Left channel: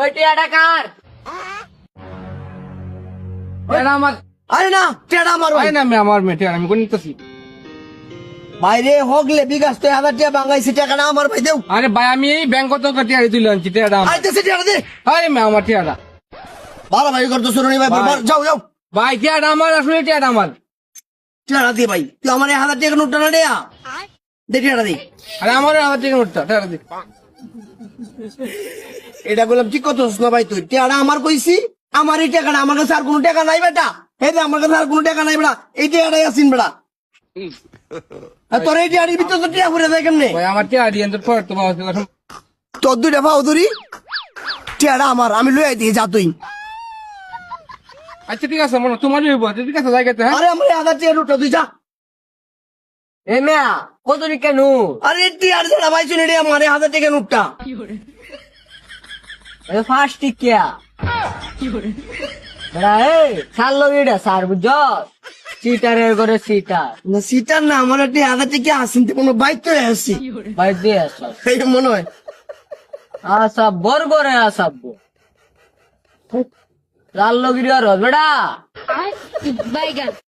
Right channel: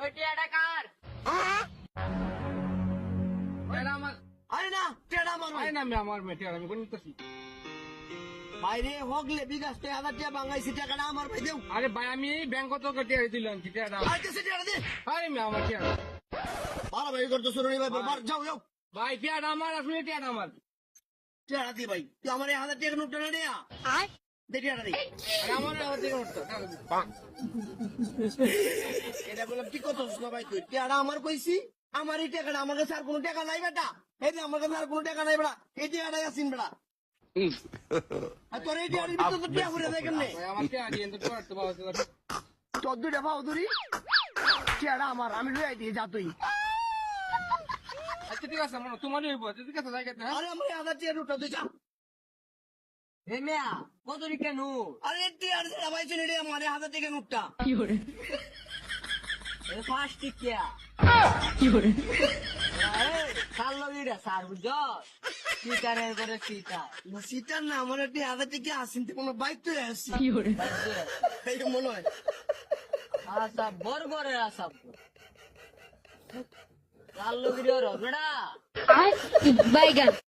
ওই টিয়াটা কার? এটা আমার আরে না টেড়া আমার ভাই আরে না আমার মেটে আমি কোন নিতেছি বাইরে হগলে বিকাশ তো 1000 টাকা বাঙাইছি টাকাটা আমার ভাই দেও আরে ভাই আমি এই ব্যাংক কত টিয়ারি তুলে আনছি টিয়াটা আমার। আইতেছে টেড়া দে আরে মে আমার টিয়াটা ভালো ভাই করতো শুনুনি ভাই ভাই। যাও যাও ভাই টিয়াটা আমার আসলে টিয়াটা আমার টেড়া দে ভাই তুই আমার 1000 টাকা নোটটা না দেয়া দে টেড়া দে আরে আমার আমার টিকে উঠতা টিয়াটা দি এটা বললাম ঠিক কথা না ভাই তুই টেড়া আমার কইছি আমার এই টাকাটা আমার কাছে আর কোনো টাকা নাই বেটা এই যে আমার কাছে আর কোনো টাকা নাই বেটা এই টাকাটাই আসিন বেটা আর তোর এই টাকার ভিতর তো টাকা ঘুরে যায় কেমনে ভাই আমার টিয়া দিয়ে তো পড় তো বাবা তোর দুইটা পাও ধরি টেড়া আমার আমি লই দিয়ে যা তুই আচ্ছা ঠিক আছে মনে তোমারই হইব ঠিক আছে জায়গাতে হ্যাঁ আরে আমার 1000 টাকা নোটটা তুই যা এ মেয়া কত কেন? আরে টিয়ার ছাড়া ভাই শুনে রে আমার 1000 টাকা নোটটা ফার্স্ট টিকিয়া সার লোক এটা সার বুঝছ সিটারের করে সিটার না সিটার না আমার একটা 1000 টাকা আসিন তো কোনো বাইক তো আসছি বাইর দিয়ে আসো এই মনে হয় আসা বর করে আসাব লাল লোক বেটা Bye, guys.